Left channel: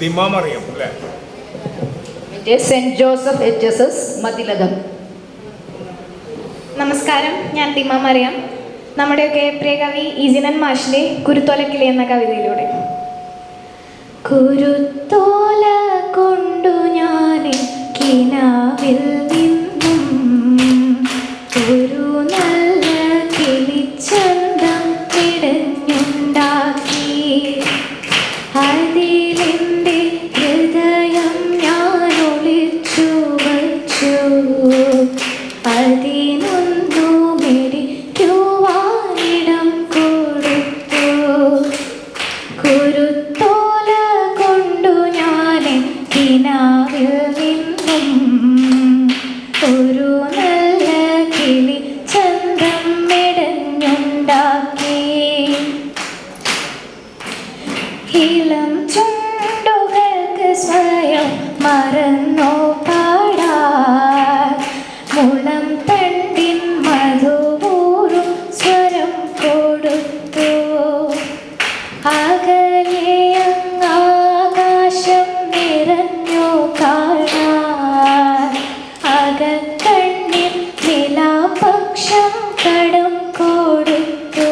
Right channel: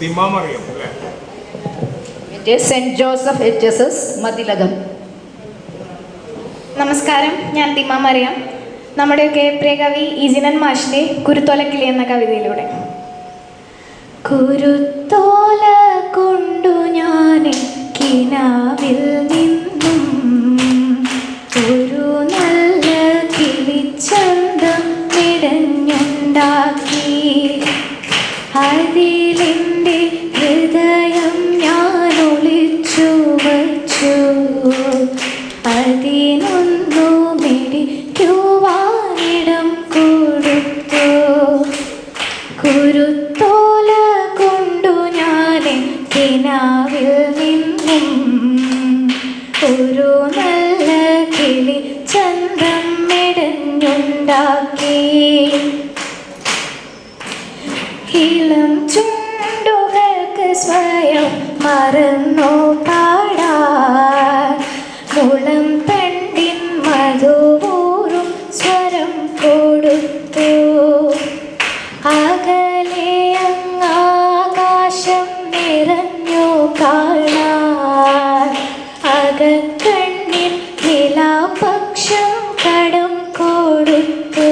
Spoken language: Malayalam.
ദിമാമറിയം അല്ലേ? Joseph H S S Mathilakam. നമസ്കാരം ഞാൻ തിമ മറിയാം. നമ്മുടെയൊക്കെ പ്രിയ കവി ഈജിനൻ മാഷിന്റെ കുരുത്തോലക്കിളി എന്ന കവിതയിലൂടെ. കുരുത്തോല കൊണ്ടു ഞാൻ കിനാവിൽ കിനാവിൽ നിന്നും ഒരു നല്ല കിളി ചന്ദ്രം മെടഞ്ഞുണ്ടാക്കി ഇളം ചുണ്ടുകൾക്ക് സ്വയം മറന്നോ പാടാൻ. മുളം തണ്ടിൻ മധുപൂരും സ്വരം കൊടുത്തു പാദക്കണ്ണിൽ നിലാപക്ഷം കടം കൊടുത്തു.